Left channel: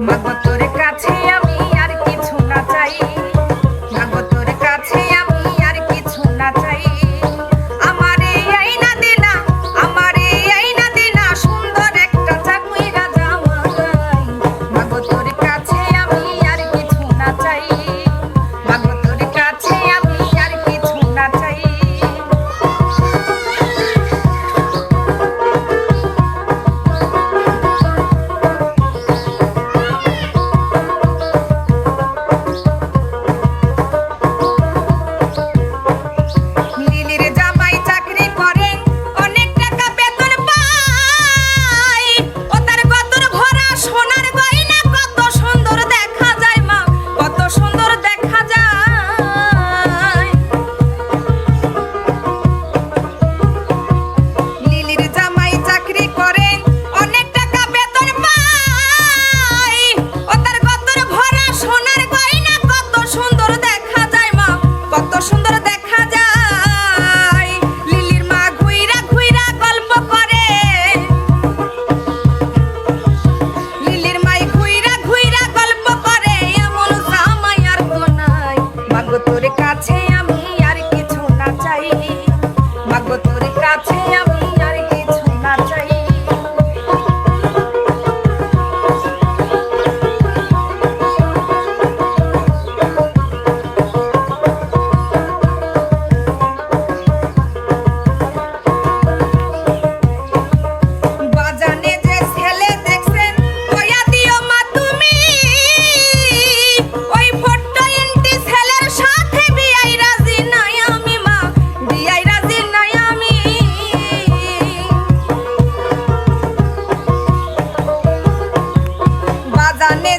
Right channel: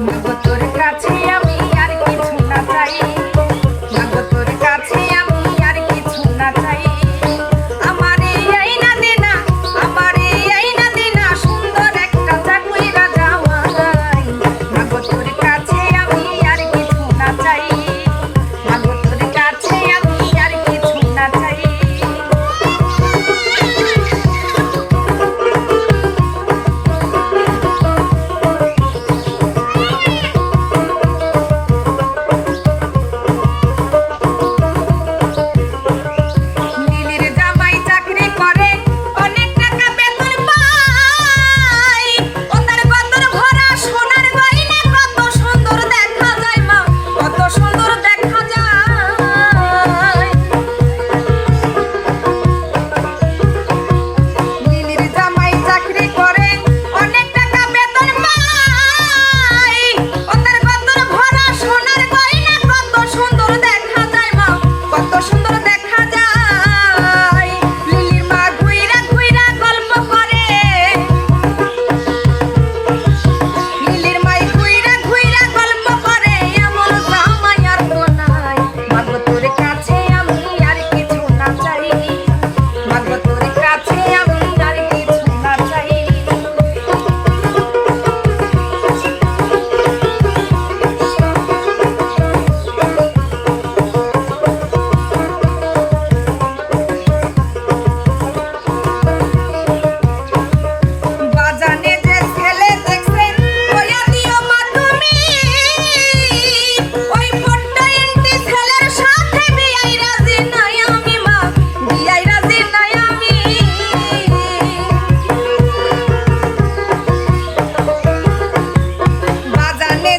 মাগো তোর কাছে আমি আর কিছু না চাই, মাগো তোর কাছে আমি আর কিছু না চাই। আমার এই আইনা দেনা, আমার এই আইনা দেনা সুন্দর একটা চাকুই রাজা মাই। মাগো তোর কাছে আমি আর কিছু না চাই, মাগো তোর কাছে আমি আর কিছু না চাই। জানে